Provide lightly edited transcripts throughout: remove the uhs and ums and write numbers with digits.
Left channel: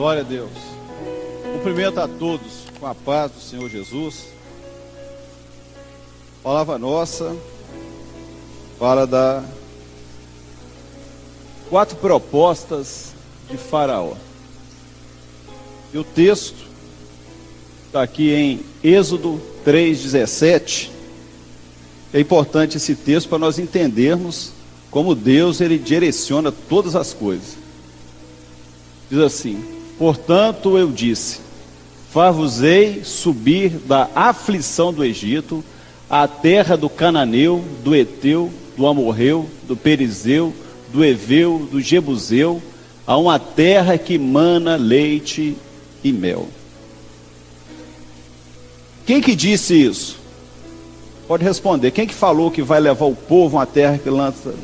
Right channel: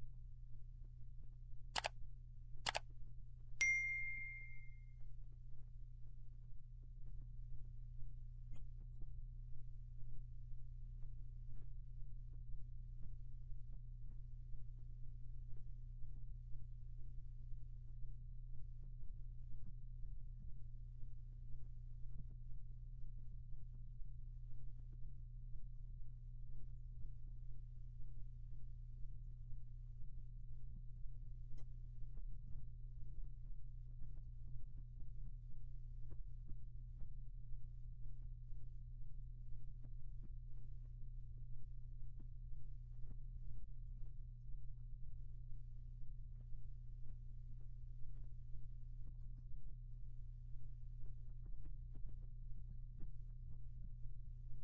Glória a Deus. Cumprimento a todos com a paz do Senhor Jesus. Palavra nossa fala da 4 propostas de Faraó. E o texto está aqui em Êxodo 3:17. É importante esse texto para nós entendermos como Deus ele direciona todas as coisas. Diz assim: portanto eu disse, far-vos-ei subir da aflição do Egito, à terra do Cananeu, do Eteu, do Amorreu, do Perizeu, do Eveu, do Jebuseu, a uma terra que mana leite e mel. Quem que disse isso? Pode responder. Quem que falou que vai levar o povo a uma terra que lança?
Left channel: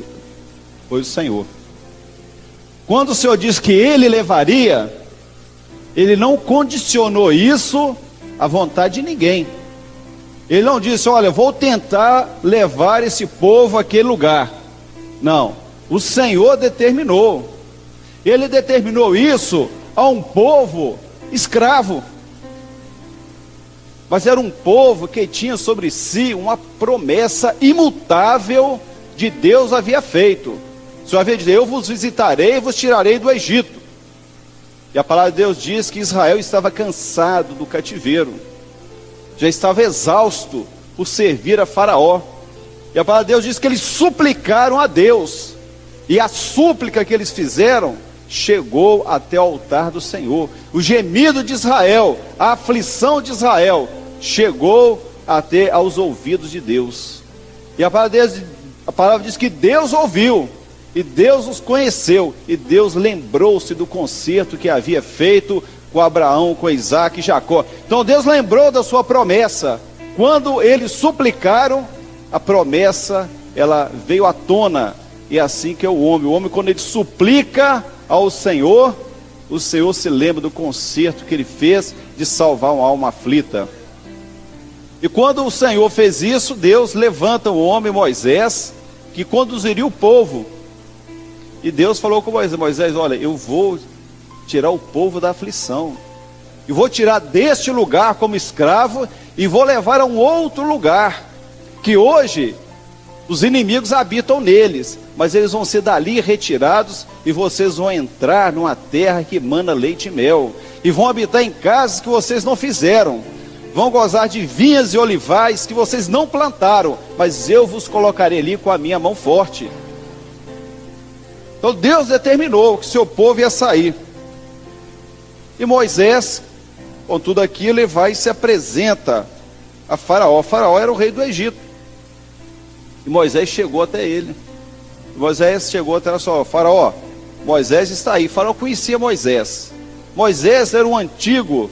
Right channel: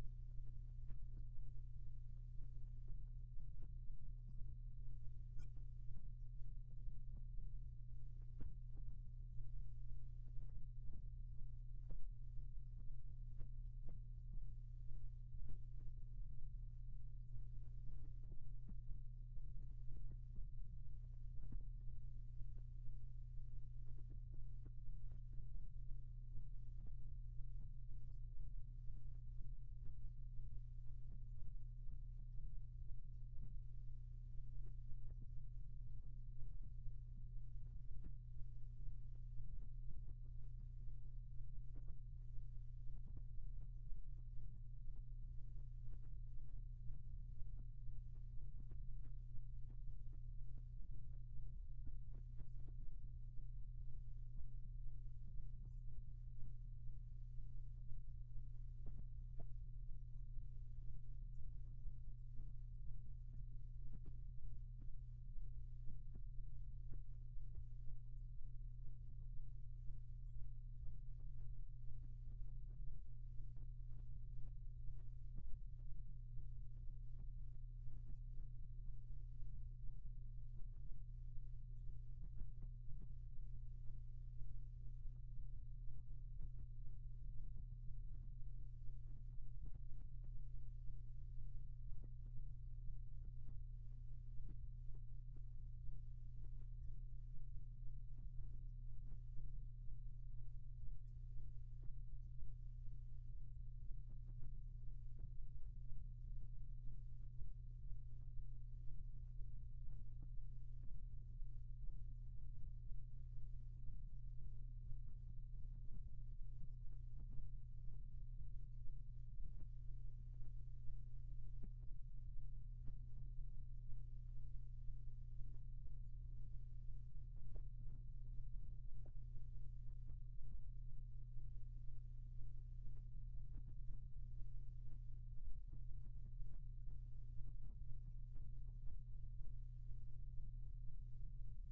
Foi o Senhor. Quando o Senhor disse que Ele levaria, Ele não condicionou isso à vontade de ninguém. Ele não disse, olha, vou tentar levar esse povo àquele lugar. Não, o Senhor determinou. Ele determinou isso a um povo escravo. Mas era um povo que tinha sobre si uma promessa imutável de Deus havia feito. O Senhor havia dito, eu vos visitarei e vos tirarei do Egito. E a palavra de Deus diz que Israel estava cansado do cativeiro, já estava exausto por servir a Faraó. E a palavra de Deus diz que eles suplicaram a Deus, e a súplica que eles fizeram chegou até o altar do Senhor. O gemido de Israel, a aflição de Israel chegou até aos ouvidos de Deus. E a palavra diz que Deus ouviu, e Deus os conheceu, e Deus lembrou-se do concerto que havia feito com Abraão, com Isaac e Jacó. Então Deus lembrou da sua promessa. Quando eles suplicaram, a promessa ela veio à tona. E é assim que é o homem quando ele suplica ao Senhor, o Senhor se lembra do concerto que ele fez de salvar uma alma aflita. E quando o Senhor fez isso, Deus levanta o homem Moisés, que conduziria o povo. E Deus falou com Moisés, olha, eu vou tirar o povo da aflição, e vou tirar deste lugar como escravo, e vou levar a um outro lugar, que hoje os inimigos habitam neles, mas eles vão ser dali retirados, e vocês vão entrar numa terra que mana leite e mel, e vão habitar em casas que vocês não fizeram, vão gozar de vinhas e olivais que vocês não plantaram, mas eu vos colocarei ali com a minha mão forte. Então Deus determinou que seu povo ia sair. E Moisés, com tudo aquilo, ele vai e se apresenta a Faraó. Faraó era o rei do Egito. E Moisés chegou até ele. Moisés chegou até só, Faraó, Moisés está aí. Faraó conhecia Moisés. Moisés era um antigo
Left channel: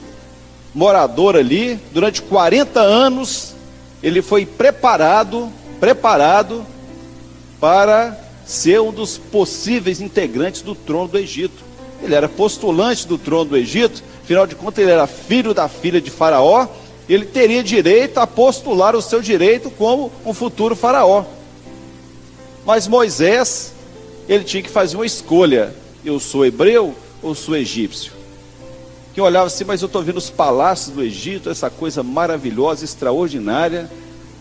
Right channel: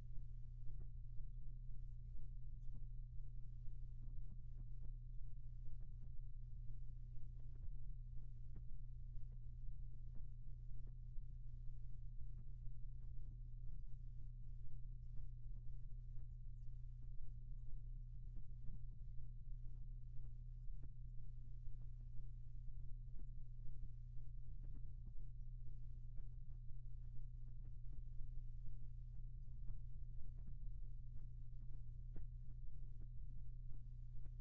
morador ali. Durante 40 anos, ele foi preparado para ser um dos possíveis integrantes do trono do Egito. Ele era postulante do trono do Egito, afinal de contas ele era filho da filha de Faraó, ele teria direito a postular o seu direito como um futuro Faraó. Mas Moisés, ele tinha que fazer uma escolha, eu sou hebreu ou sou egípcio? Que olhava assim, mas eu estou vendo os palácios do Egito, essa coisa maravilhosa, extraordinária,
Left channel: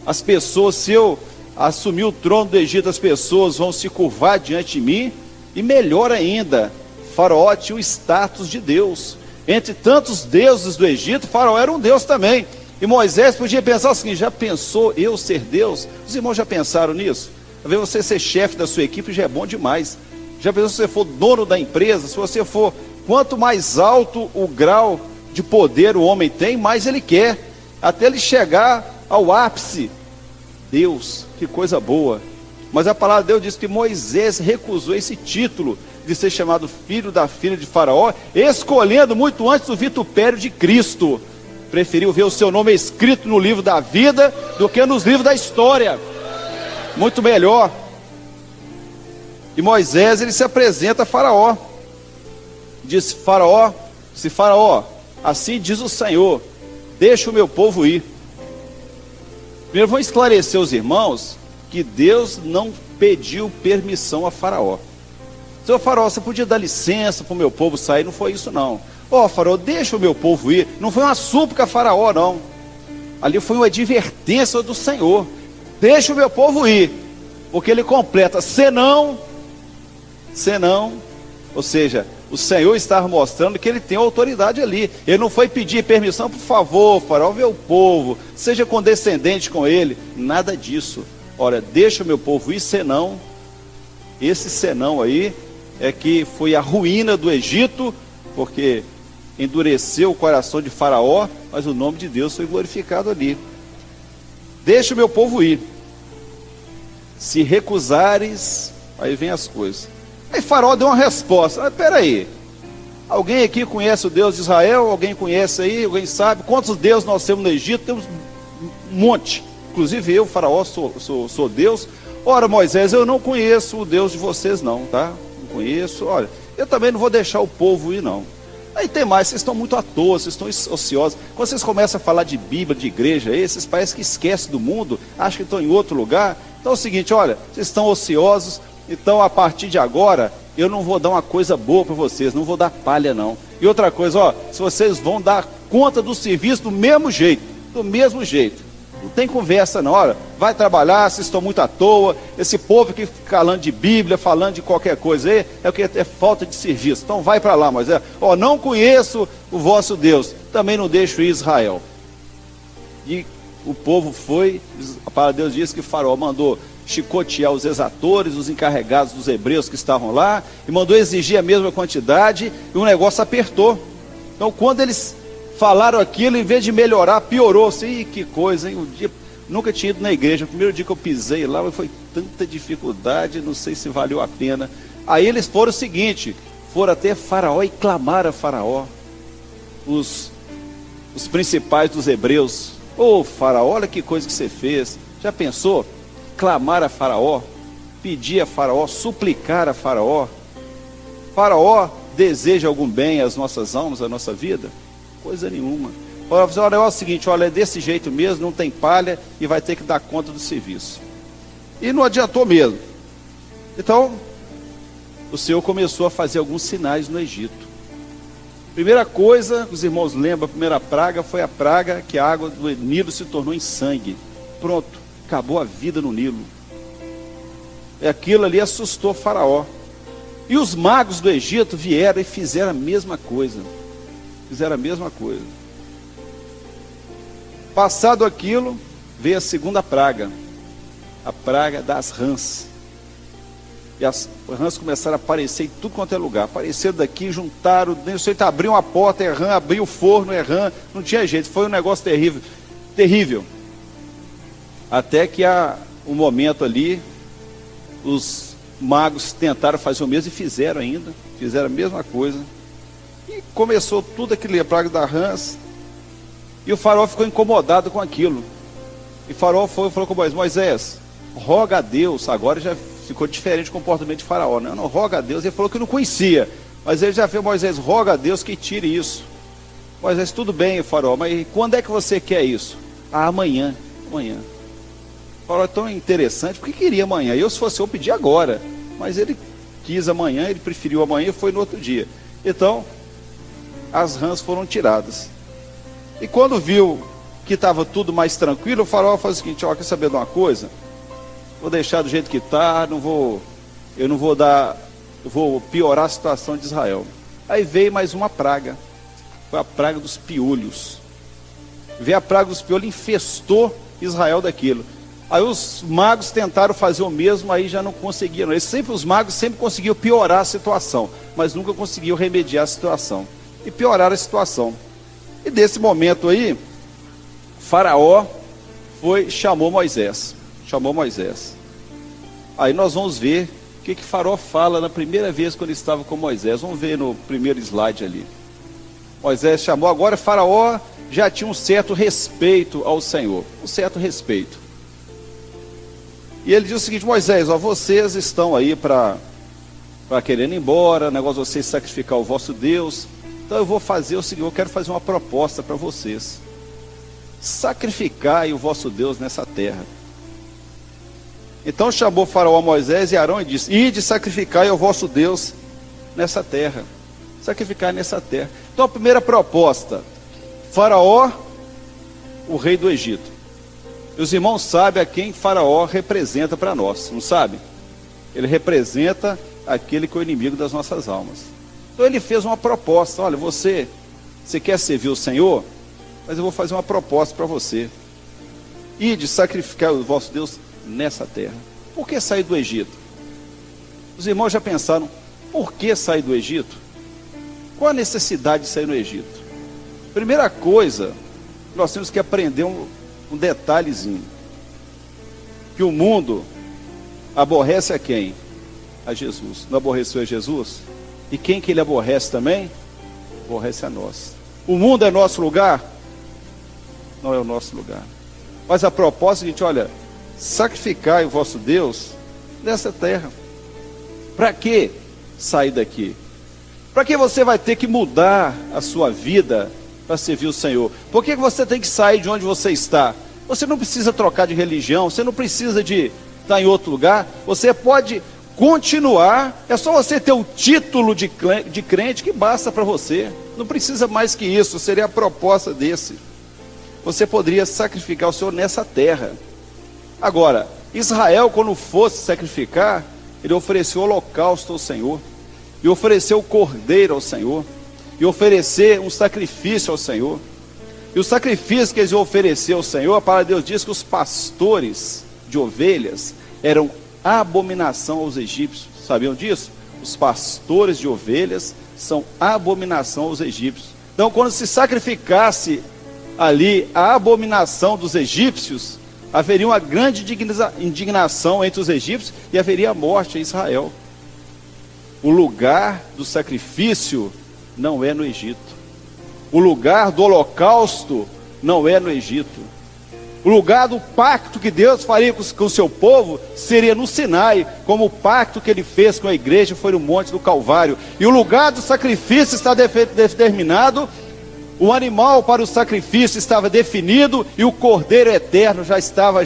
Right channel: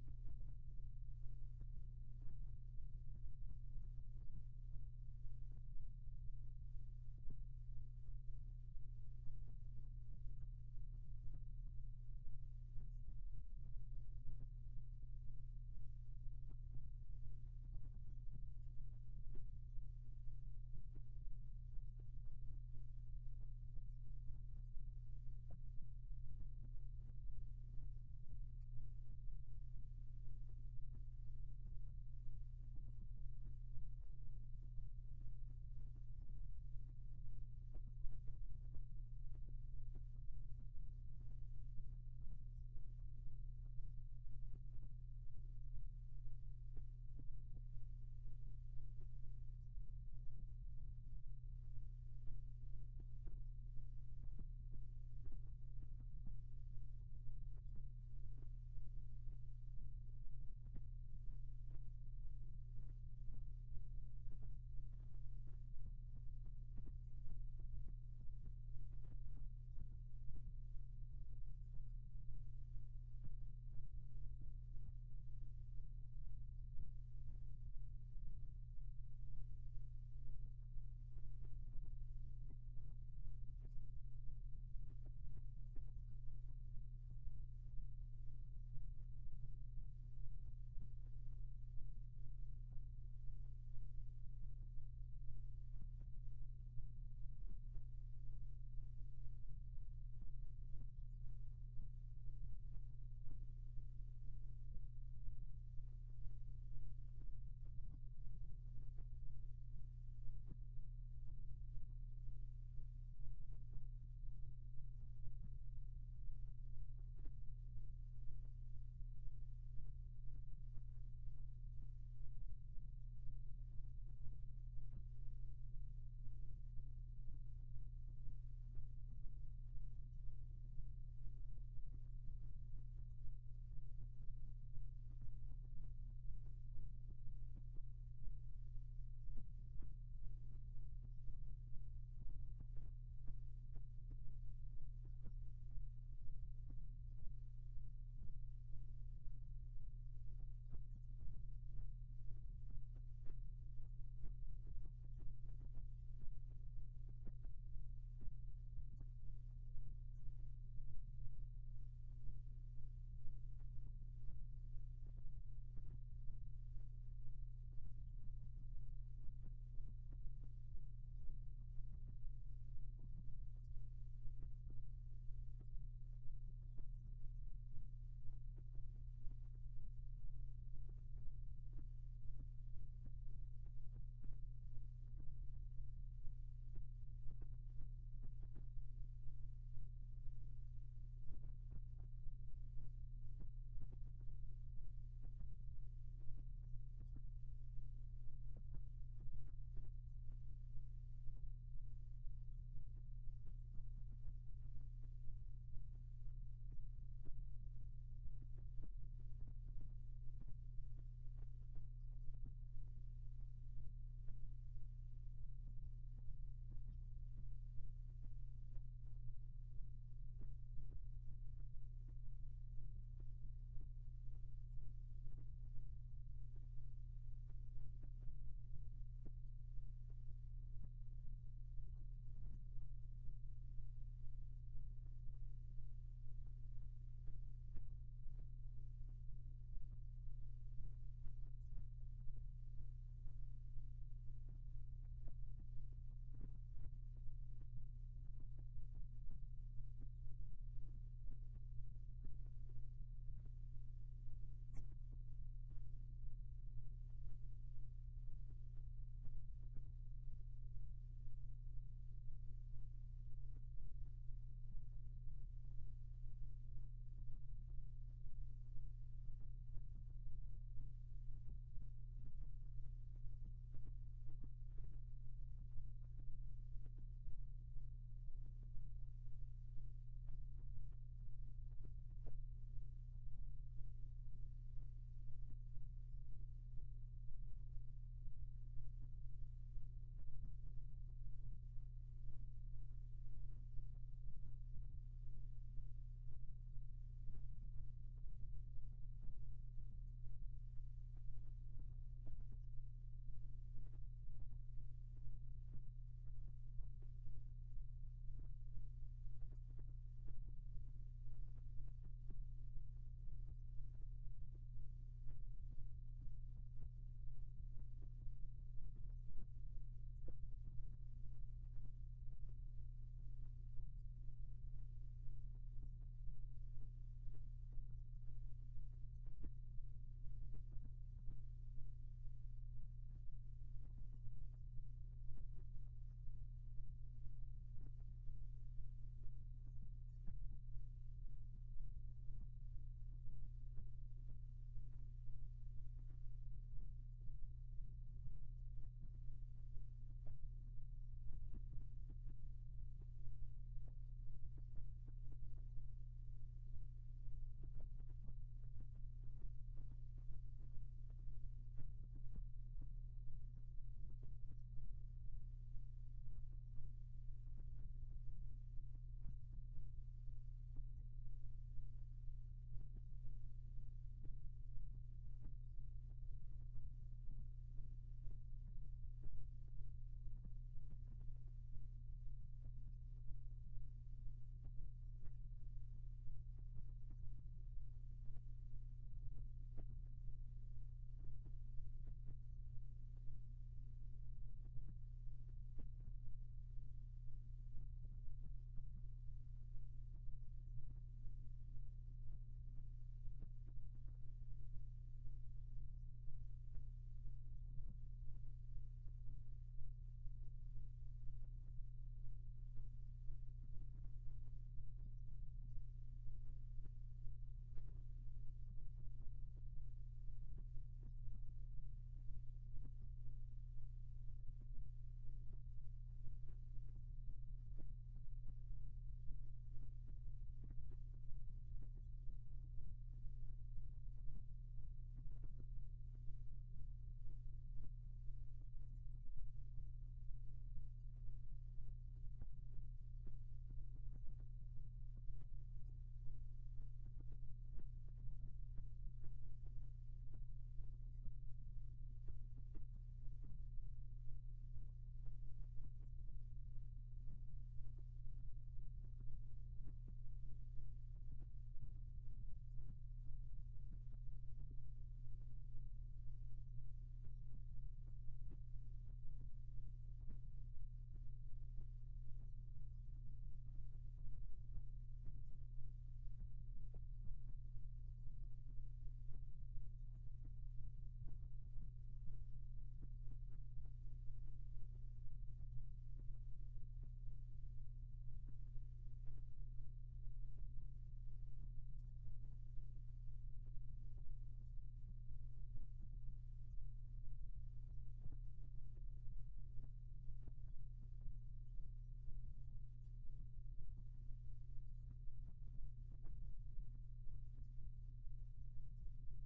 as pessoas, se eu assumir o trono do Egito, as pessoas vão se curvar diante de mim, e melhor ainda, Faraó tinha o status de Deus. Entre tantos deuses do Egito, Faraó era um Deus também. E Moisés podia pensar assim, já pensou eu ser Deus? Os irmãos já pensaram nisso? Às vezes você ser chefe da sua equipe já é bom demais. Já pensou se você for dono da empresa, se você for, quanto mais alto o grau de poder o homem tem, mais ele quer, até ele chegar ao ápice. Deus, que coisa boa. Mas a palavra de Deus diz que Moisés recusou esse título de ser chamado filho da filha de Faraó, escolhendo muito antes do vitupério de Cristo. Preferiu ver o seu nome escrito no livro da vida do que nos livros da história. Muito melhor. E Moisés, ele se apresenta a Faraó. Diz Faraó, assim diz o Senhor, deixa o meu povo ir. Primeiro vou esclarecer os irmãos que Deus não pediu permissão a Faraó. Seu Faraó, você podia dar licença para o meu povo sair? Não foi isso não. Ó, Faraó, deixa o meu povo ir. Não foi uma súplica a Faraó, não. Ali foi uma advertência do Senhor. Deixa o meu povo ir. Porque ele completa, senão, ou seja, o Senhor estava mostrando que ele tem autoridade ali. Ele não foi pedir permissão, por favor, Faraó, vê o povo, seja condescendente com ele. Nada disso. Olha, deixa o meu povo ir, senão, esse senão aí é que foi a ruína do Egito, porque endureceu o coração de Faraó, mas o nome de Deus foi glorificado ali. Deixa o meu povo ir. Se recusares, aí vem as coisas. Aí Faraó deu uma resposta. Espera aí, alguém aqui conhece o Deus de Israel? Alguém conhece aí? Alguém sabe? Quantos deuses nós temos no Egito? Temos um monte. Inclusive eu, Faraó, sou Deus. Ora, Moisés, eu não conheço o Deus de vocês não, tá? Não conheço. Olha, eu também não vou deixar o povo ir não. Aí tem mais, vocês estão muito à toa, vocês estão ociosos. Quando vocês começam a falar de Bíblia, de igreja, aí, vocês parecem que esquecem do mundo, acham que estão em outro lugar. Então é o seguinte, olha, vocês estão ociosos, então a partir de agora, eu não vou dar uma coisa boa para vocês, não vou dar palha não. E outra coisa, ó, se vocês vão dar conta do serviço do mesmo jeito, não tem conversa não, olha, vai trabalhar, vocês estão muito à toa, esse povo que fica falando de Bíblia, falando de qualquer coisa aí, é o que é falta de serviço, então vai para lá, Moisés, ó, não conheço o vosso Deus, também não deixo ir Israel. E o povo foi, a palavra de Deus diz que Faraó mandou chicotear os exatores, os encarregados dos hebreus que estavam lá, e mandou exigir a mesma quantidade, e o negócio apertou. Então quando eles falaram aquilo, em vez de melhorar, piorou-se. Ih, que coisa, hein? Nunca tinha ido na igreja. O primeiro dia que eu pisei lá, foi tanta dificuldade, não sei se valeu a pena. Aí eles foram o seguinte, foram até Faraó e clamaram a Faraó, os principais dos hebreus. Ô Faraó, olha que coisa que você fez. Já pensou? Clamar a Faraó, pedir a Faraó, suplicar a Faraó. Faraó deseja algum bem às nossas almas, à nossa vida? Coisa nenhuma. Olha, é o seguinte, olha, é desse jeito mesmo, não tem palha e vai ter que dar conta do serviço. E não adiantou mesmo. Então, o Senhor começou a fazer alguns sinais no Egito. Primeira coisa, os irmãos lembram, a primeira praga foi a praga que a água do Nilo se tornou em sangue. Pronto, acabou a vida no Nilo. E aquilo ali assustou Faraó. E os magos do Egito vieram e fizeram a mesma coisa. Passado aquilo, veio a segunda praga, a praga das rãs. E as rãs começaram a aparecer em tudo quanto é lugar. Apareceram daqui, juntaram, nem sei, abriu uma porta, é rã, abriu o forno, é rã, não tinha jeito, foi um negócio terrível, terrível. Até que um momento ali, os magos tentaram fazer o mesmo e fizeram a mesma coisa. E começou tudo aquilo, a praga das rãs. E o Faraó ficou incomodado com aquilo. E o Faraó falou com Moisés, roga a Deus. Agora já ficou diferente o comportamento de Faraó. Não, roga a Deus. Ele falou que não conhecia. Mas ele já fez, Moisés, roga a Deus que tire isso. Moisés, tudo bem, Faraó, mas quando é que você quer isso? Amanhã. O Faraó é tão interessante, porque queria amanhã. Eu, se fosse eu, pedi agora. Mas ele quis amanhã, ele preferiu amanhã e foi no outro dia. Então, as rãs foram tiradas. E quando viu que estava tudo mais tranquilo, o Faraó falou o seguinte, ó, quer saber de uma coisa? Vou deixar do jeito que está, eu vou piorar a situação de Israel. Aí veio mais uma praga, foi a praga dos piolhos. Veio a praga dos piolhos, infestou Israel daquilo. Aí os magos tentaram fazer o mesmo, aí já não conseguiram. Os magos sempre conseguiam piorar a situação, mas nunca conseguiam remediar a situação. E piorar a situação. E desse momento aí, Faraó chamou Moisés. Aí nós vamos ver o que Faraó fala na primeira vez quando ele estava com Moisés. Vamos ver no primeiro slide ali. Moisés chamou, agora Faraó já tinha um certo respeito ao Senhor. Um certo respeito. E ele diz o seguinte, Moisés, ó, vocês estão aí para querendo ir embora, o negócio de vocês sacrificar o vosso Deus. Então eu vou fazer o seguinte, eu quero fazer uma proposta para vocês. Sacrificai o vosso Deus nessa terra. Então chamou Faraó a Moisés e Arão e disse, ide sacrificai ao vosso Deus nessa terra. sacrificar nessa terra. Então a primeira proposta, Faraó, o rei do Egito. E os irmãos sabem a quem Faraó representa para nós, não sabe? Ele representa aquele que é o inimigo das nossas almas. Então ele fez uma proposta: olha, você quer servir o Senhor? Mas eu vou fazer uma proposta para você. Ide sacrificar o vosso Deus nessa terra. Por que sair do Egito? Os irmãos já pensaram, por que sair do Egito? Qual a necessidade de sair do Egito? Primeira coisa, nós temos que aprender um detalhezinho. Que o mundo aborrece a quem? A Jesus. Não aborreceu a Jesus? E quem que ele aborrece também? Aborrece a nós. O mundo é nosso lugar? Não é o nosso lugar. Mas a proposta é a seguinte: olha, sacrificai o vosso Deus nessa terra. Para que sair daqui? Para que você vai ter que mudar a sua vida para servir o Senhor? Por que você tem que sair de onde você está? Você não precisa trocar de religião, você não precisa de estar em outro lugar, você pode continuar, é só você ter o título de crente que basta para você, não precisa mais que isso, seria a proposta desse. Você poderia sacrificar o Senhor nessa terra. Agora, Israel, quando fosse sacrificar, ele ofereceu o holocausto ao Senhor, e ofereceu o cordeiro ao Senhor, e oferecer um sacrifício ao Senhor. E o sacrifício que eles iam oferecer ao Senhor, a palavra de Deus diz que os pastores de ovelhas eram abominação aos egípcios. Sabiam disso? Os pastores de ovelhas são abominação aos egípcios. Então, quando se sacrificasse ali a abominação dos egípcios, haveria uma grande indignação entre os egípcios e haveria a morte em Israel. O lugar do sacrifício não é no Egito. O lugar do holocausto não é no Egito. O lugar do pacto que Deus faria com o seu povo seria no Sinai, como o pacto que ele fez com a igreja foi no Monte do Calvário. E o lugar do sacrifício está determinado, o animal para o sacrifício estava definido e o cordeiro eterno já estava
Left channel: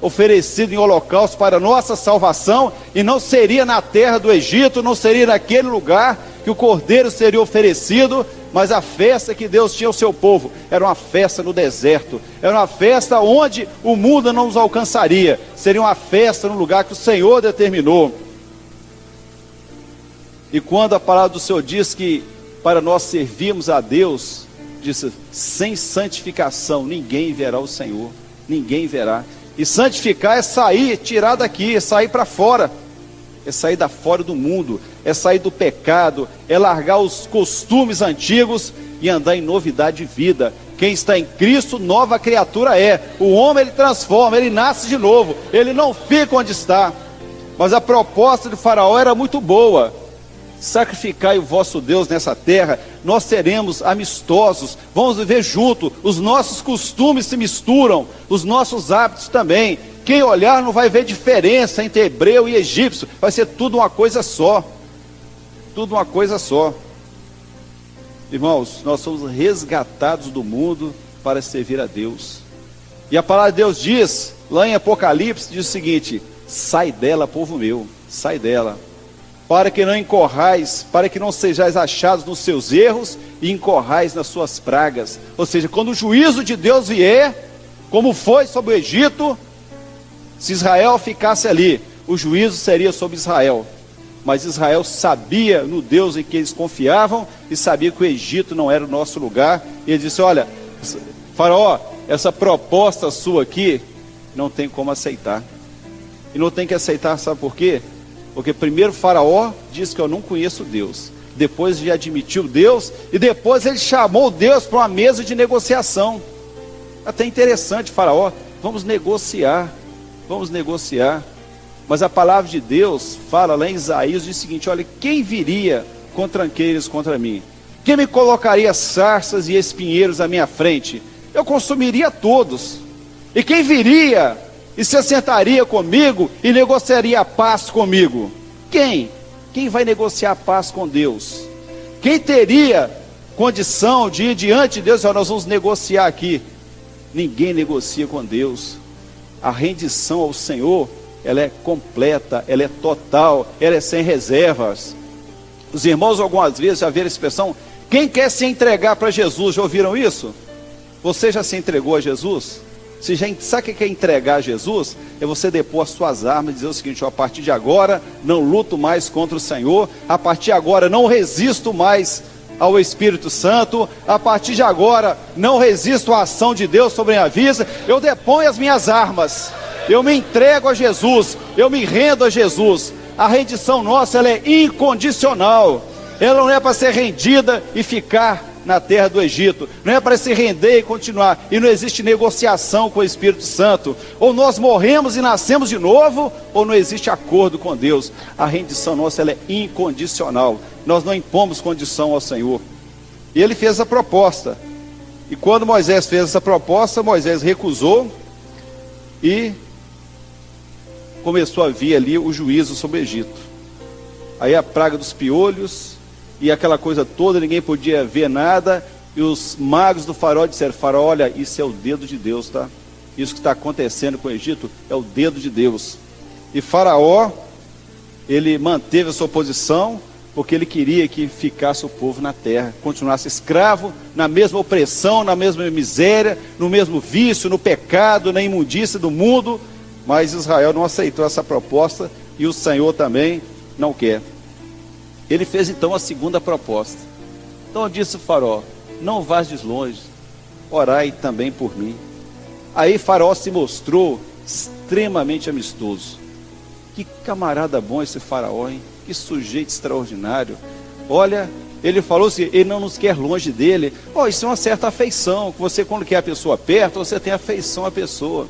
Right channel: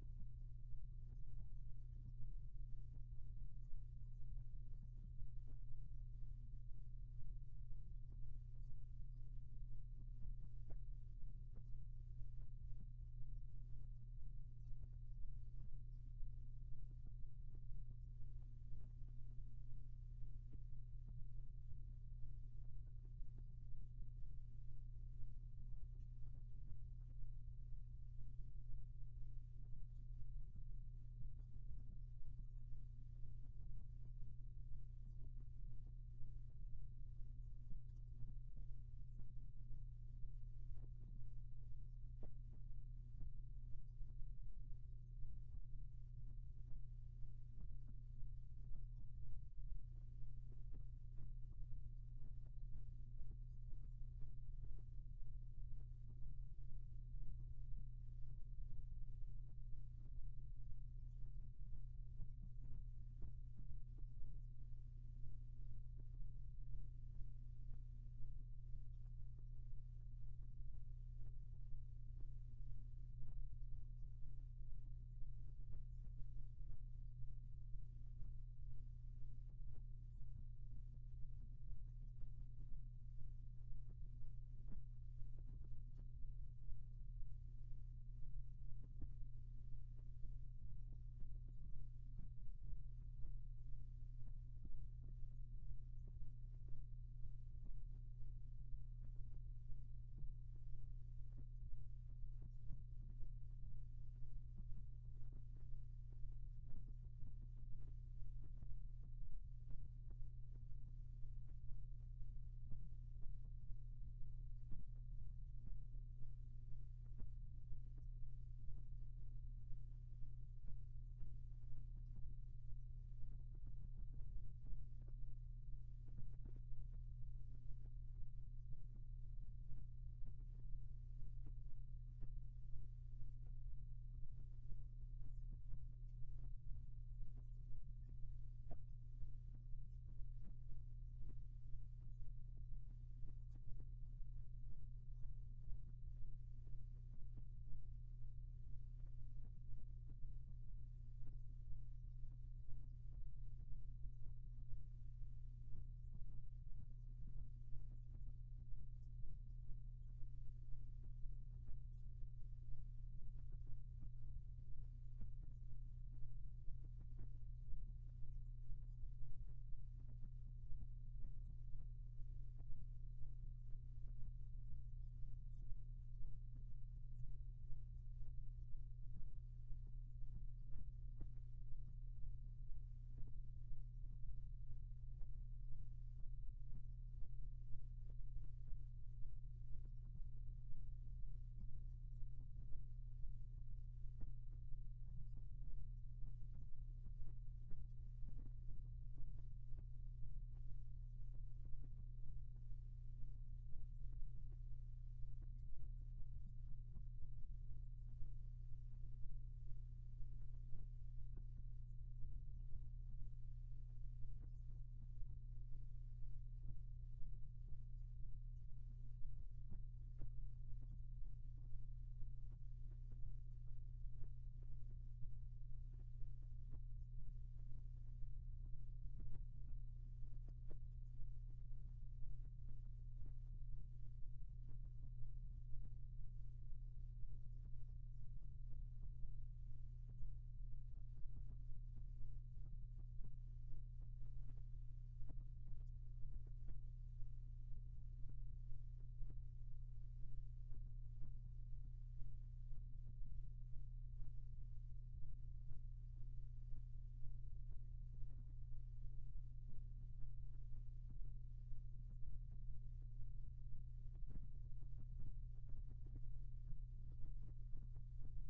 oferecido em holocausto para nossa salvação, e não seria na terra do Egito, não seria naquele lugar que o cordeiro seria oferecido, mas a festa que Deus tinha ao seu povo era uma festa no deserto, era uma festa onde o mundo não nos alcançaria, seria uma festa no lugar que o Senhor determinou. E quando a palavra do Senhor diz que para nós servirmos a Deus, disse, sem santificação ninguém verá o Senhor, ninguém verá. E santificar é sair, tirar daqui, é sair para fora, é sair da fora do mundo, é sair do pecado, é largar os costumes antigos e andar em novidade de vida. Quem está em Cristo, nova criatura é. O homem, ele transforma, ele nasce de novo, ele não fica onde está. Mas a proposta de Faraó era muito boa: sacrificai o vosso Deus nessa terra, nós seremos amistosos, vamos viver junto, os nossos costumes se misturam, os nossos hábitos também. Quem olhar não vai ver diferença entre hebreu e egípcio, vai ser tudo uma coisa só, tudo uma coisa só. Irmãos, nós somos resgatados do mundo para servir a Deus, e a palavra de Deus diz, lá em Apocalipse, diz o seguinte: sai dela, povo meu, sai dela, para que não incorrais, para que não sejais achados nos seus erros e incorrais nas suas pragas. Ou seja, quando o juízo de Deus vier, como foi sobre o Egito, se Israel ficasse ali, o juízo seria sobre Israel. Mas Israel sabia no Deus em que eles confiavam e sabia que o Egito não era o nosso lugar. E ele disse: olha, Faraó, essa proposta sua aqui não tem como aceitar. E não tem que aceitar, sabe por quê? Porque primeiro Faraó disse que eu não conheço Deus, depois ele admitiu Deus, e depois ele chamou Deus para uma mesa de negociação. Até interessante, Faraó, vamos negociar, mas a palavra de Deus fala lá em Isaías, diz o seguinte: olha, quem viria com tranqueiros contra mim? Quem me colocaria sarças e espinheiros à minha frente? Eu consumiria todos. E quem viria e se assentaria comigo e negociaria a paz comigo? Quem? Quem vai negociar a paz com Deus? Quem teria condição de ir diante de Deus? Nós vamos negociar aqui. Ninguém negocia com Deus. A rendição ao Senhor, ela é completa, ela é total, ela é sem reservas. Os irmãos algumas vezes já viram a expressão, quem quer se entregar para Jesus, já ouviram isso? Você já se entregou a Jesus? Sabe o que é entregar a Jesus? É você depor as suas armas e dizer o seguinte, a partir de agora não luto mais contra o Senhor, a partir de agora não resisto mais ao Espírito Santo, a partir de agora não resisto à ação de Deus sobre a minha vida, eu deponho as minhas armas, eu me entrego a Jesus, eu me rendo a Jesus. A rendição nossa, ela é incondicional, ela não é para ser rendida e ficar na terra do Egito, não é para se render e continuar, e não existe negociação com o Espírito Santo, ou nós morremos e nascemos de novo, ou não existe acordo com Deus. A rendição nossa, ela é incondicional, nós não impomos condição ao Senhor. E ele fez a proposta, e quando Moisés fez essa proposta, Moisés recusou, e começou a vir ali o juízo sobre o Egito. Aí a praga dos piolhos, e aquela coisa toda, ninguém podia ver nada, e os magos do faraó disseram, faraó, olha, isso é o dedo de Deus, tá? Isso que está acontecendo com o Egito, é o dedo de Deus. E faraó, ele manteve a sua posição, porque ele queria que ficasse o povo na terra, continuasse escravo, na mesma opressão, na mesma miséria, no mesmo vício, no pecado, na imundícia do mundo, mas Israel não aceitou essa proposta, e o Senhor também não quer. Ele fez então a segunda proposta. Então disse o faraó, não vás longe, orai também por mim. Aí faraó se mostrou extremamente amistoso. Que camarada bom esse faraó, hein? Que sujeito extraordinário. Olha, ele falou assim, ele não nos quer longe dele. Isso é uma certa afeição, que você quando quer a pessoa perto, você tem afeição à pessoa.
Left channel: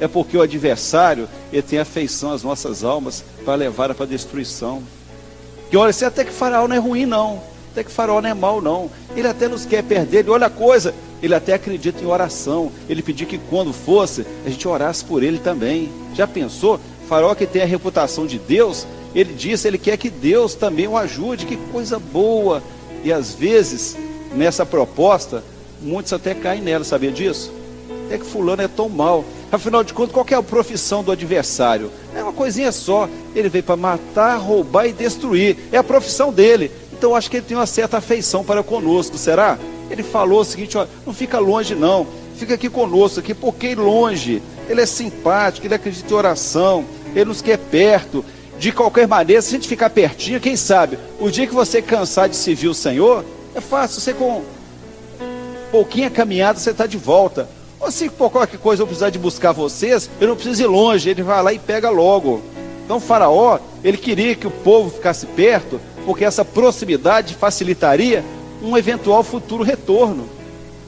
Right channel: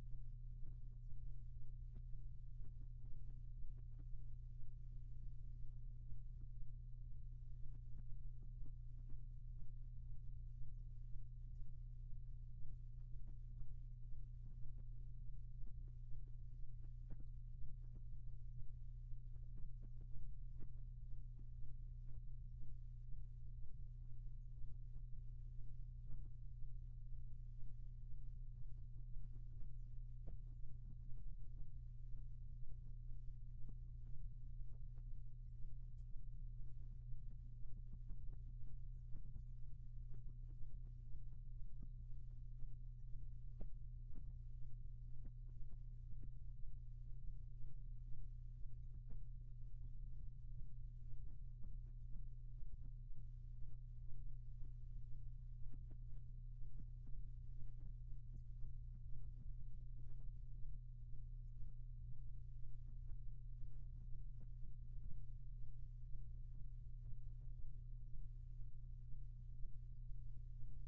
É porque o adversário, ele tem afeição às nossas almas, para levar para a destruição. Que olha, até que faraó não é ruim não, até que faraó não é mau não, ele até nos quer perder, ele olha a coisa, ele até acredita em oração, ele pediu que quando fosse, a gente orasse por ele também. Já pensou? Faraó que tem a reputação de Deus, ele disse, ele quer que Deus também o ajude, que coisa boa. E às vezes, nessa proposta, muitos até caem nela, sabia disso? Até que fulano é tão mal. Afinal de contas, qual que é a profissão do adversário? É uma coisinha só, ele veio para matar, roubar e destruir, é a profissão dele. Então eu acho que ele tem uma certa afeição para conosco, será? Ele falou o seguinte, ó, não fica longe não, fica aqui conosco, aqui, porque longe, ele é simpático, ele acredita em oração, ele nos quer perto. De qualquer maneira, se a gente ficar pertinho, quem sabe, o dia que você cansar de servir o Senhor, é fácil, você com pouquinha caminhada, você está de volta. Ou se por qualquer coisa eu precisar de buscar vocês, eu não preciso ir longe, ele vai lá e pega logo. Então Faraó, ele queria que o povo ficasse perto, porque essa proximidade facilitaria um eventual futuro retorno.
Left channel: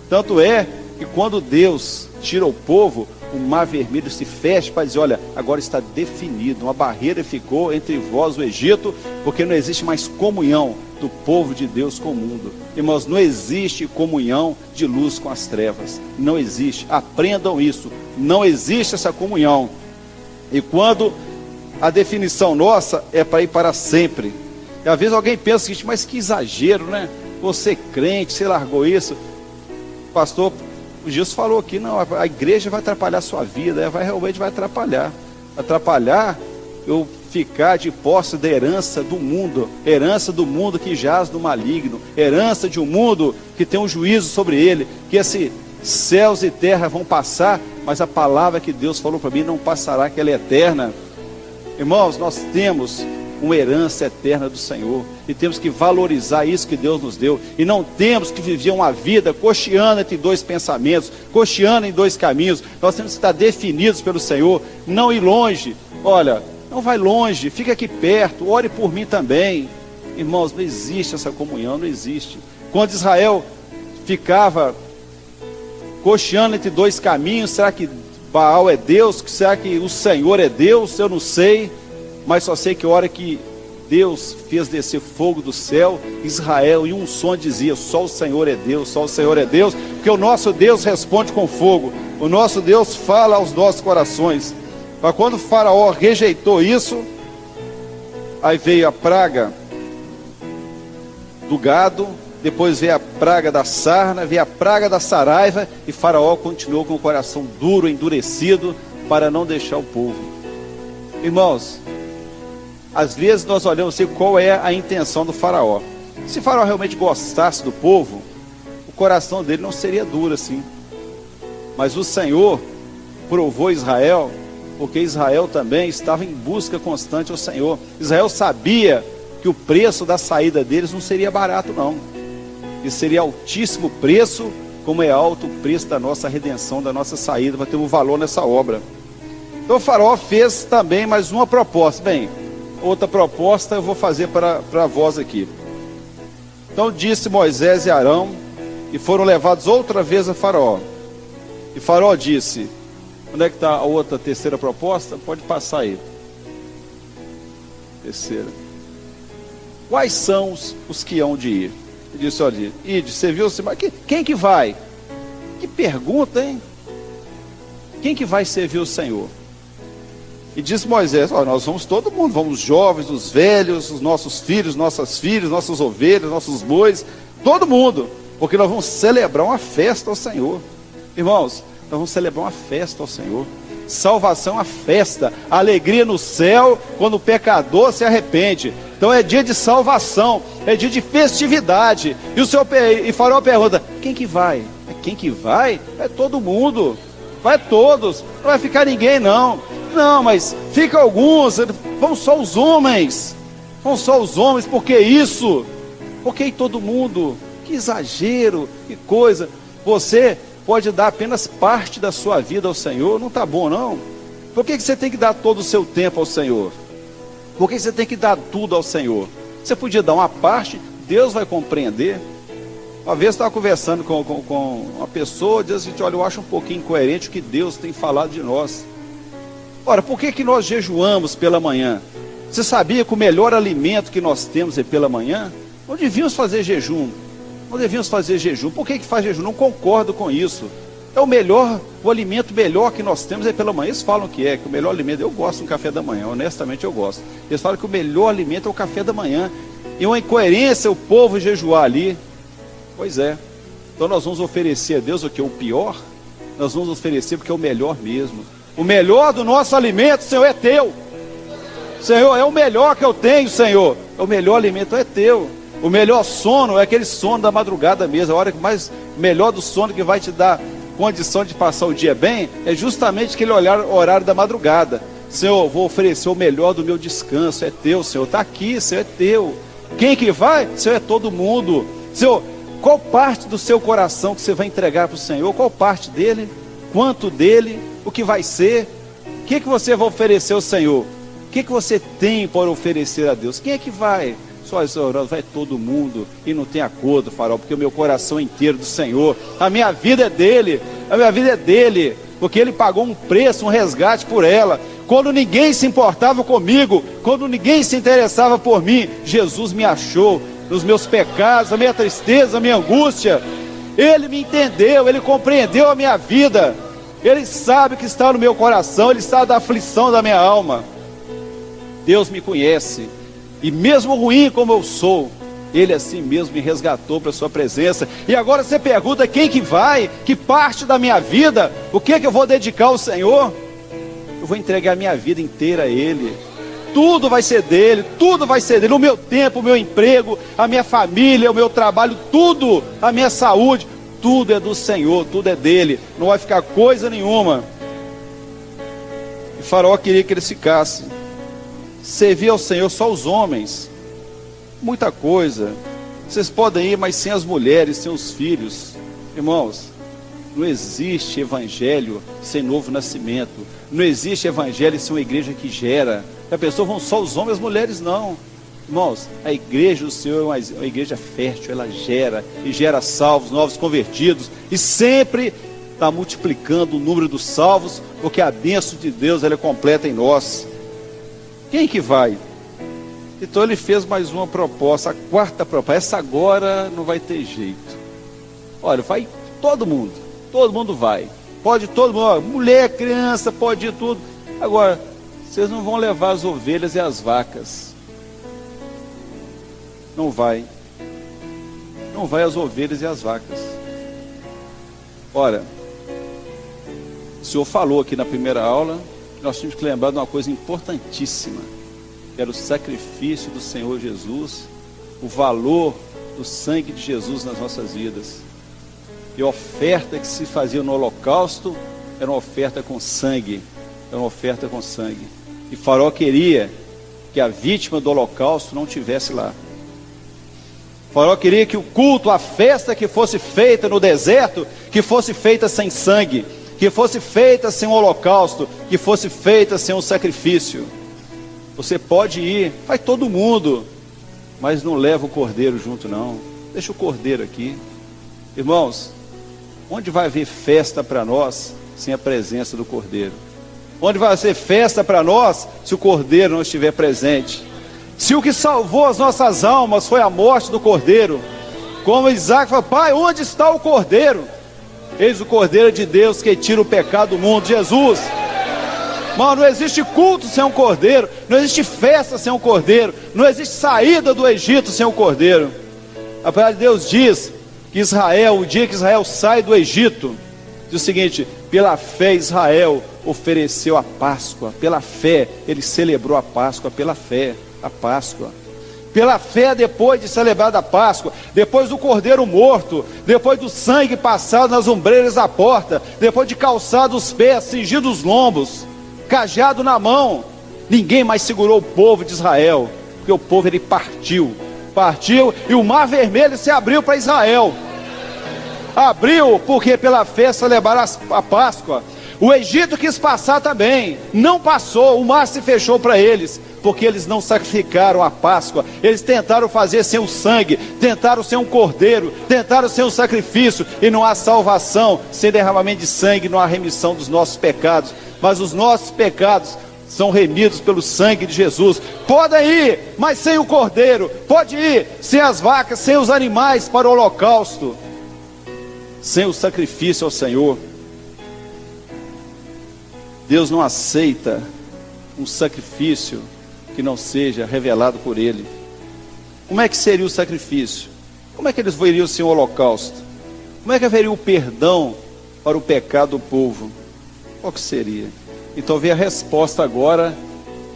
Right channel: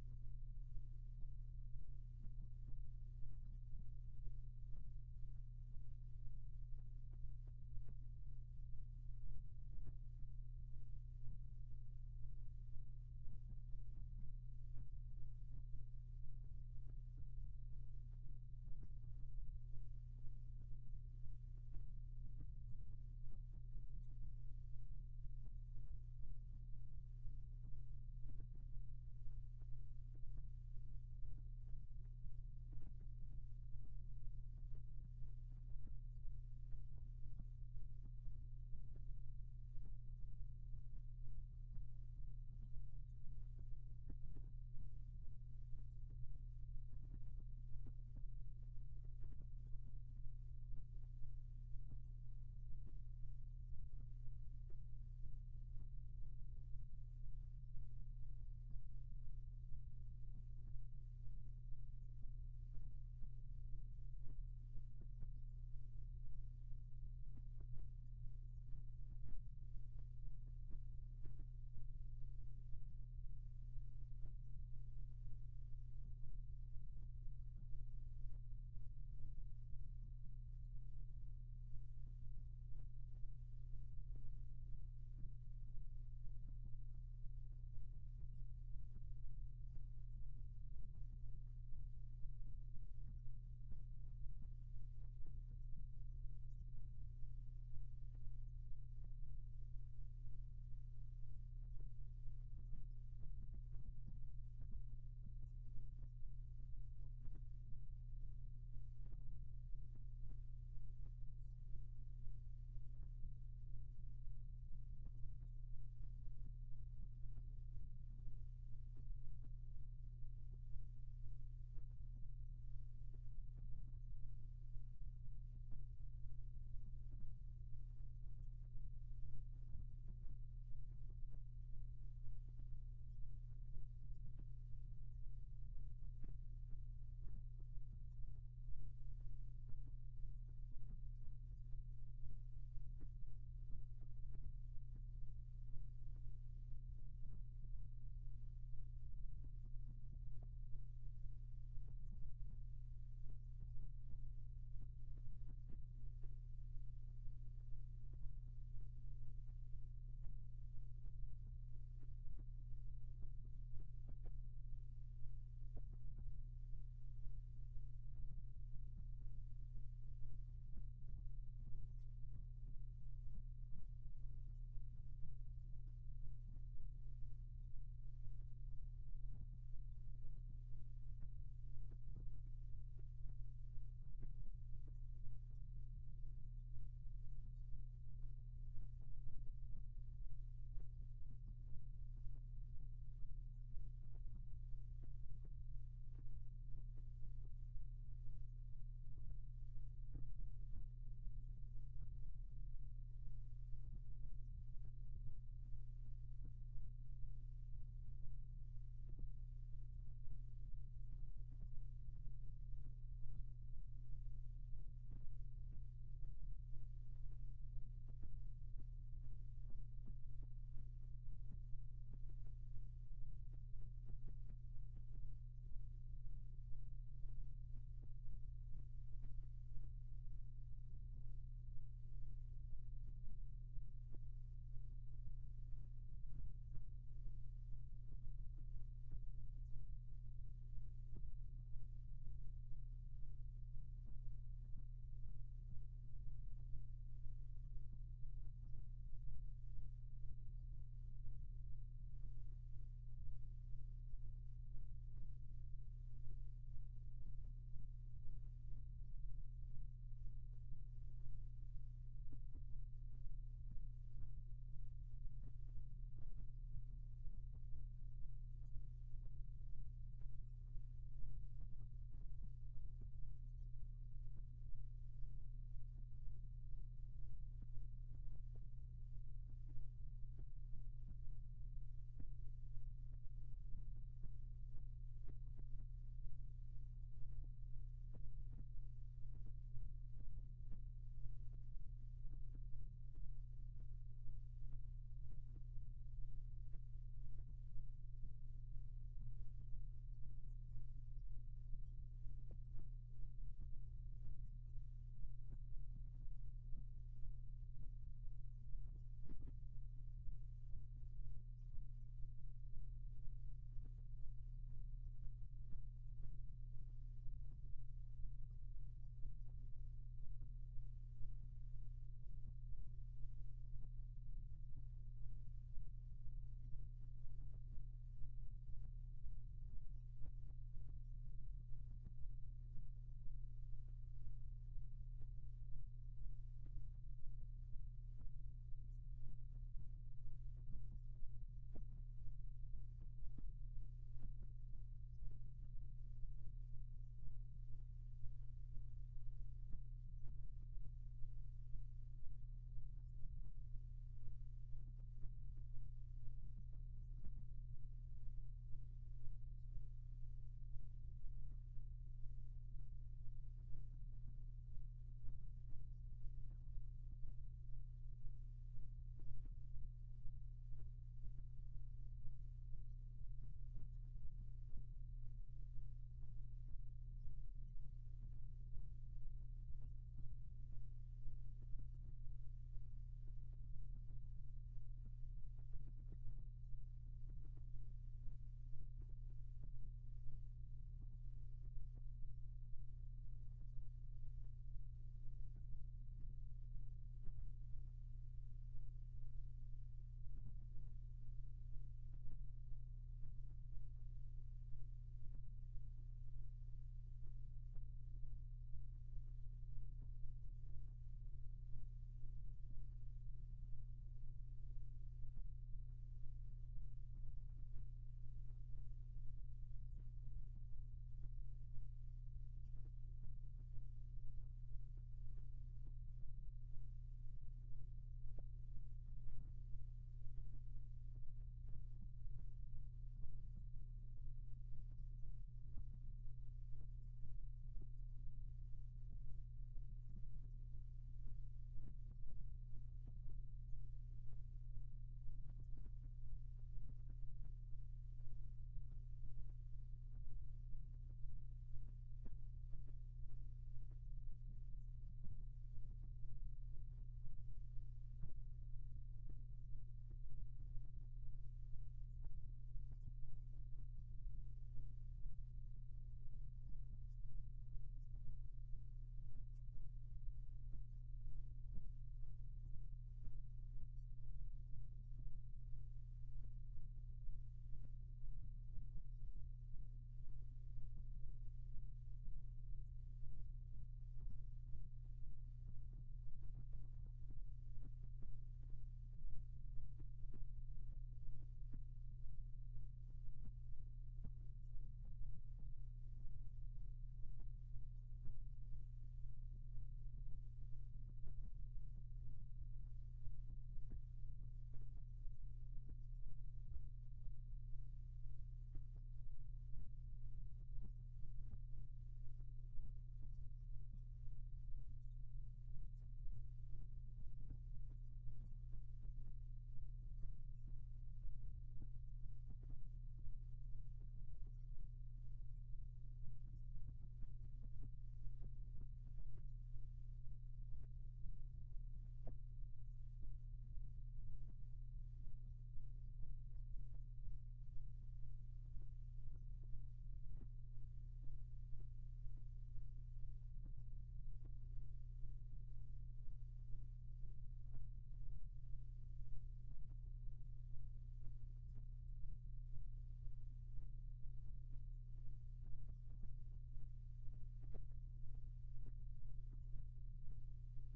Tanto é que quando Deus tira o povo, o mar vermelho se fecha para dizer, olha, agora está definido, uma barreira ficou entre vós e o Egito, porque não existe mais comunhão do povo de Deus com o mundo. Irmãos, não existe comunhão de luz com as trevas, não existe, aprendam isso, não existe essa comunhão. E quando a definição nossa é para ir para sempre, e às vezes alguém pensa o seguinte, mas que exagero, né? Você crente, você largou isso. O pastor Jesus falou aqui, não, a igreja vai atrapalhar a sua vida, realmente vai atrapalhar. Atrapalhar eu ficar de posse da herança do mundo que jaz no maligno, herança de um mundo que tem um juízo sobre ele, que esses céus e terra vão passar, mas a palavra que Deus falou para mim não passará, que ela é eterna. Irmãos, nós temos uma herança eterna do Senhor, e temos que valorizar isso que Deus nos deu, e não temos que viver uma vida cocheando entre dois pensamentos, cocheando em dois caminhos. Nós temos que estar definidos pelo Senhor, não ir longe. Olha, não vai longe, fica aqui perto, ore por mim também. Irmãos, não existe essa comunhão, não existe. Quando Israel ficava cocheando entre dois caminhos, será que Baal é Deus? Será que o Senhor é Deus? Eu não sei, mas só sei que a hora que Deus fez descer fogo do céu, Israel em um som dizia, só o Senhor é Deus, só o Senhor é Deus, porque o nosso Deus responde com fogo, o nosso Deus fala aos nossos corações. Mas quando o faraó rejeitou isso, aí veio a praga do gado, depois veio a praga da sarna, veio a praga da saraiva, e faraó continuou com o coração duro, endurecido, para não deixar o povo. Irmãos, às vezes nós olhamos assim, qual é a intenção do faraó. Se o faraó realmente gostasse do povo, o coração dele não seria duro assim. Mas o Senhor provou Israel, porque Israel também estava em busca constante ao Senhor. Israel sabia que o preço da saída deles não seria barato não. E seria altíssimo preço, como é alto o preço da nossa redenção, da nossa saída, vai ter um valor nessa obra. Então o faraó fez também mais uma proposta. Bem, outra proposta eu vou fazer para vós aqui. Então disse Moisés e Arão, e foram levados outra vez a faraó. E faraó disse, onde é que está a outra, terceira proposta? Pode passar aí. Terceira. Quais são os que hão de ir? Ele disse, olha, ide, você viu, quem que vai? Que pergunta, hein? Quem que vai servir o Senhor? E disse Moisés, olha, nós vamos todo mundo, vamos os jovens, os velhos, os nossos filhos, nossas filhas, nossas ovelhas, nossos bois, todo mundo, porque nós vamos celebrar uma festa ao Senhor. Irmãos, nós vamos celebrar uma festa ao Senhor. Salvação, a festa, alegria no céu, quando o pecador se arrepende. Então é dia de salvação, é dia de festividade. E Faraó pergunta, quem que vai? Quem que vai? É todo mundo, vai todos, não vai ficar ninguém não. Não, mas fica alguns, vão só os homens. Vão só os homens, por que isso? Porque todo mundo, que exagero, que coisa. Você pode dar apenas parte da sua vida ao Senhor, não está bom não? Por que você tem que dar todo o seu tempo ao Senhor? Por que você tem que dar tudo ao Senhor? Você podia dar uma parte, Deus vai compreender. Uma vez eu estava conversando com uma pessoa, diz assim, olha, eu acho um pouquinho incoerente o que Deus tem falado de nós. Ora, por que nós jejuamos pela manhã? Você sabia que o melhor alimento que nós temos é pela manhã? Não devíamos fazer jejum. Não devíamos fazer jejum. Por que faz jejum? Não concordo com isso. É o alimento melhor que nós temos é pela manhã. Eles falam que o melhor alimento, eu gosto do café da manhã, honestamente eu gosto. Eles falam que o melhor alimento é o café da manhã. E uma incoerência o povo jejuar ali. Pois é. Então nós vamos oferecer a Deus o que? O pior? Nós vamos oferecer porque é o melhor mesmo. O melhor do nosso alimento, Senhor, é teu. Senhor, é o melhor que eu tenho, Senhor. O melhor alimento é teu. O melhor sono é aquele sono da madrugada mesmo. A hora que mais melhor do sono que vai te dar condição de passar o dia bem é justamente aquele horário da madrugada. Senhor, vou oferecer o melhor do meu descanso. É teu, Senhor. Está aqui, Senhor, é teu. Quem que vai? Senhor, é todo mundo. Senhor, qual parte do seu coração que você vai entregar para o Senhor? Qual parte dele? Quanto dele? O que vai ser? O que você vai oferecer ao Senhor? O que você tem para oferecer a Deus? Quem é que vai? Só Senhor, vai todo mundo e não tem acordo, Faraó, porque o meu coração é inteiro do Senhor. A minha vida é dele, a minha vida é dele, porque ele pagou um preço, um resgate por ela. Quando ninguém se importava comigo, quando ninguém se interessava por mim, Jesus me achou nos meus pecados, a minha tristeza, a minha angústia. Ele me entendeu, ele compreendeu a minha vida. Ele sabe o que está no meu coração, ele sabe da aflição da minha alma. Deus me conhece. E mesmo ruim como eu sou, ele assim mesmo me resgatou para a sua presença. E agora você pergunta quem que vai, que parte da minha vida, o que eu vou dedicar ao Senhor? Eu vou entregar a minha vida inteira a Ele. Tudo vai ser dele, tudo vai ser dele. O meu tempo, o meu emprego, a minha família, o meu trabalho, tudo, a minha saúde, tudo é do Senhor, tudo é dele. Não vai ficar coisa nenhuma. E Faraó queria que eles ficassem. Servir ao Senhor só os homens, muita coisa. Vocês podem ir, mas sem as mulheres, sem os filhos. Irmãos, não existe evangelho sem novo nascimento. Não existe evangelho sem uma igreja que gera. A pessoa vão só os homens, as mulheres não. Irmãos, a igreja do Senhor é uma igreja fértil, ela gera, e gera salvos, novos convertidos, e sempre está multiplicando o número dos salvos, porque a bênção de Deus ela é completa em nós. Quem que vai? Então ele fez mais uma proposta, a quarta proposta. Essa agora não vai ter jeito. Olha, vai todo mundo vai. Pode todo mundo, mulher, criança, pode ir tudo. Agora, vocês não vão levar as ovelhas e as vacas. Não vai. Não vai as ovelhas e as vacas. Ora, o Senhor falou aqui na primeira aula, nós tínhamos que lembrar de uma coisa importantíssima. que era o sacrifício do Senhor Jesus, o valor do sangue de Jesus nas nossas vidas. E a oferta que se fazia no holocausto era uma oferta com sangue, era uma oferta com sangue. E Faraó queria que a vítima do holocausto não estivesse lá. Faraó queria que o culto, a festa que fosse feita no deserto, que fosse feita sem sangue, que fosse feita sem um holocausto, que fosse feita sem um sacrifício. Você pode ir, vai todo mundo, mas não leva o cordeiro junto não, deixa o cordeiro aqui. Irmãos, onde vai haver festa para nós sem a presença do cordeiro? Onde vai ser festa para nós se o cordeiro não estiver presente? Se o que salvou as nossas almas foi a morte do cordeiro, como Isaac falou: pai, onde está o cordeiro? Eis o cordeiro de Deus que tira o pecado do mundo, Jesus. Mano, não existe culto sem um cordeiro, não existe festa sem um cordeiro, não existe saída do Egito sem um cordeiro. A palavra de Deus diz que Israel, o dia que Israel sai do Egito, diz o seguinte: pela fé Israel ofereceu a Páscoa, pela fé ele celebrou a Páscoa, pela fé, a Páscoa. Pela fé, depois de celebrar a Páscoa, depois do cordeiro morto, depois do sangue passado nas ombreiras da porta, depois de calçado os pés, cingido os lombos, cajado na mão, ninguém mais segurou o povo de Israel, porque o povo ele partiu e o mar vermelho se abriu para Israel. Abriu porque pela fé celebraram a Páscoa. O Egito quis passar também, não passou, o mar se fechou para eles, porque eles não sacrificaram a Páscoa. Eles tentaram fazer sem o sangue, tentaram sem um cordeiro, tentaram sem um sacrifício, e não há salvação sem derramamento de sangue, não há remissão dos nossos pecados. Mas os nossos pecados são remidos pelo sangue de Jesus. Podem ir, mas sem o cordeiro. Pode ir sem as vacas, sem os animais para o holocausto, sem o sacrifício ao Senhor. Deus não aceita um sacrifício que não seja revelado por Ele. Como é que seria o sacrifício? Como é que eles veriam sem o holocausto? Como é que haveria o perdão para o pecado do povo? Qual que seria? Então vem a resposta agora,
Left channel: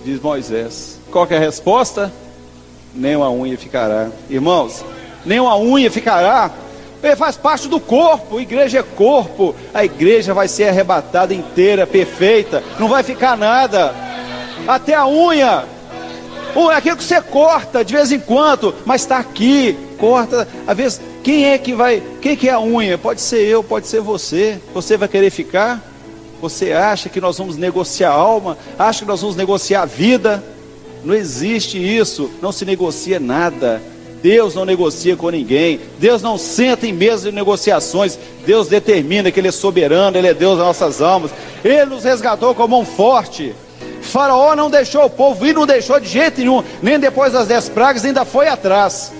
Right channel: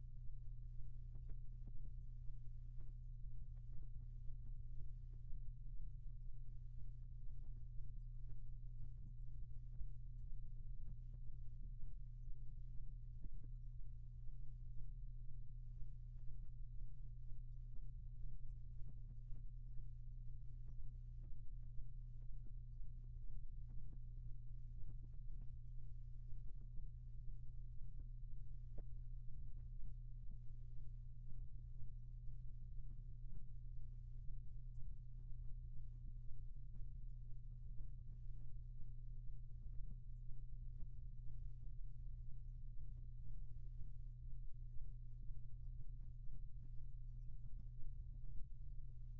diz Moisés. Qual que é a resposta? Nem uma unha ficará. Irmãos, nem uma unha ficará. Ele faz parte do corpo, a igreja é corpo. A igreja vai ser arrebatada inteira, perfeita, não vai ficar nada. Até a unha, aquilo que você corta de vez em quando, mas está aqui, corta. Às vezes, quem que é a unha? Pode ser eu, pode ser você. Você vai querer ficar? Você acha que nós vamos negociar a alma? Acha que nós vamos negociar a vida? Não existe isso, não se negocia nada. Deus não negocia com ninguém, Deus não senta em mesa de negociações. Deus determina que Ele é soberano, Ele é Deus das nossas almas. Ele nos resgatou com a mão forte. Faraó não deixou o povo ir, não deixou de jeito nenhum, nem depois das 10 pragas, ainda foi atrás.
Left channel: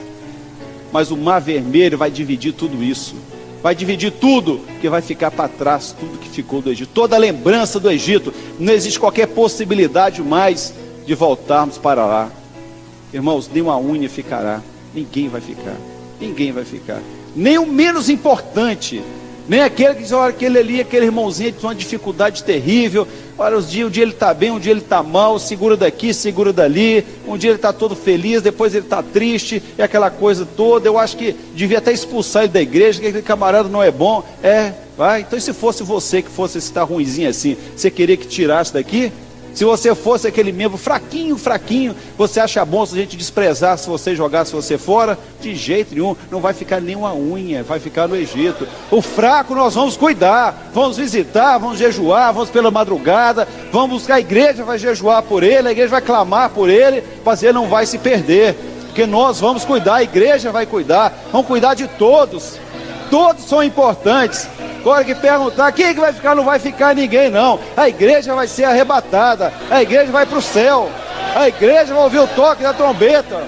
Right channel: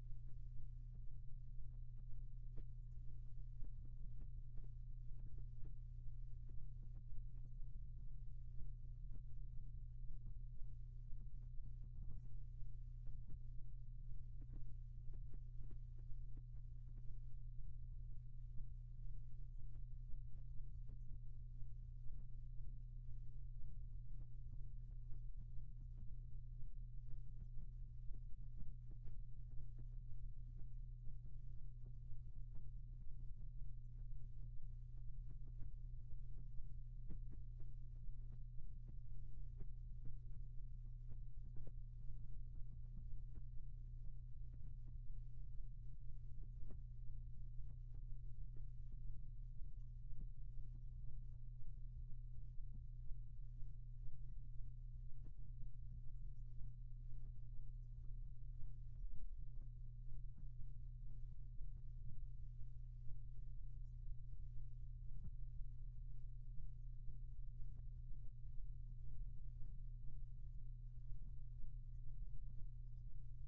Mas o mar vermelho vai dividir tudo isso, vai dividir tudo, que vai ficar para trás, tudo que ficou do Egito, toda a lembrança do Egito. Não existe qualquer possibilidade mais de voltarmos para lá. Irmãos, nem uma unha ficará. Ninguém vai ficar, ninguém vai ficar, nem o menos importante, nem aquele que diz: olha, aquele ali, aquele irmãozinho tem uma dificuldade terrível, olha, um dia ele está bem, um dia ele está mal, segura daqui, segura dali, um dia ele está todo feliz, depois ele está triste, e aquela coisa toda. Eu acho que devia até expulsar ele da igreja, que aquele camarada não é bom. Vai, então se fosse você que fosse estar ruimzinho assim, você queria que tirasse daqui? Se você fosse aquele membro fraquinho, você acha bom se a gente desprezar, se você jogar, se você fora? De jeito nenhum, não vai ficar nenhuma unha, vai ficar no Egito. O fraco nós vamos cuidar, vamos visitar, vamos jejuar, vamos pela madrugada, vamos buscar a igreja, vai jejuar por ele, a igreja vai clamar por ele, mas ele não vai se perder, porque nós vamos cuidar, a igreja vai cuidar, vamos cuidar de todos. Todos são importantes. Agora que perguntar, quem é que vai ficar? Não vai ficar ninguém não. A igreja vai ser arrebatada, a igreja vai para o céu, a igreja vai ouvir o toque da trombeta.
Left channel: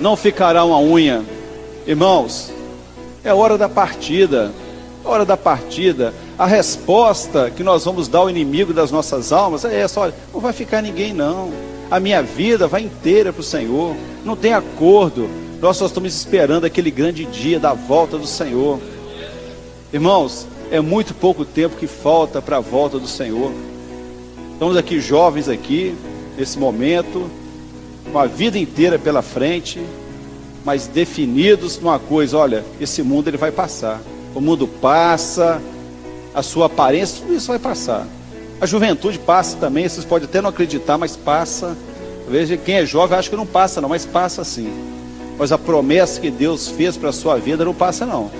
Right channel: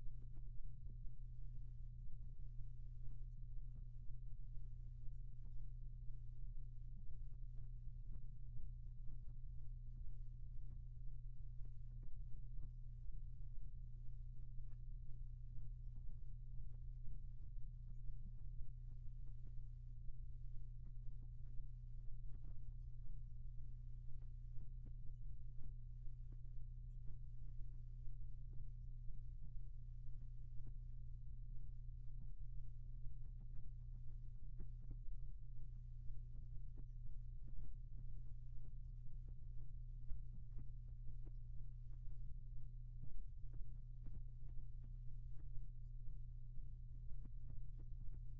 Não ficará uma unha. Irmãos, é hora da partida. Hora da partida. A resposta que nós vamos dar ao inimigo das nossas almas é essa: olha, não vai ficar ninguém não. A minha vida vai inteira para o Senhor. Não tem acordo. Nós só estamos esperando aquele grande dia da volta do Senhor. Irmãos, é muito pouco tempo que falta para a volta do Senhor. Estamos aqui jovens aqui, nesse momento, uma vida inteira pela frente, mas definidos numa coisa: olha, esse mundo ele vai passar, o mundo passa, a sua aparência, tudo isso vai passar, a juventude passa também, vocês podem até não acreditar, mas passa. Veja, quem é jovem acha que não passa não, mas passa sim. Mas a promessa que Deus fez para a sua vida não passa não,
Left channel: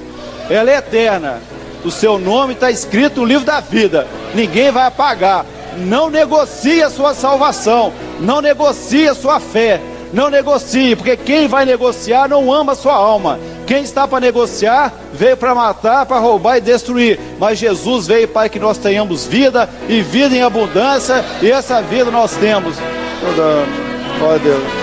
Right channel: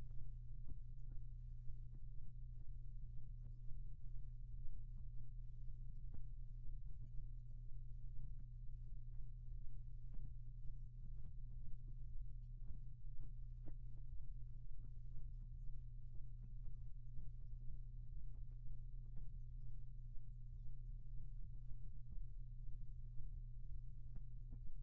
ela é eterna, o seu nome está escrito no livro da vida, ninguém vai apagar. Não negocie a sua salvação, não negocie a sua fé, não negocie, porque quem vai negociar não ama a sua alma. Quem está para negociar veio para matar, para roubar e destruir, mas Jesus veio para que nós tenhamos vida e vida em abundância, e essa vida nós temos. Glória a Deus.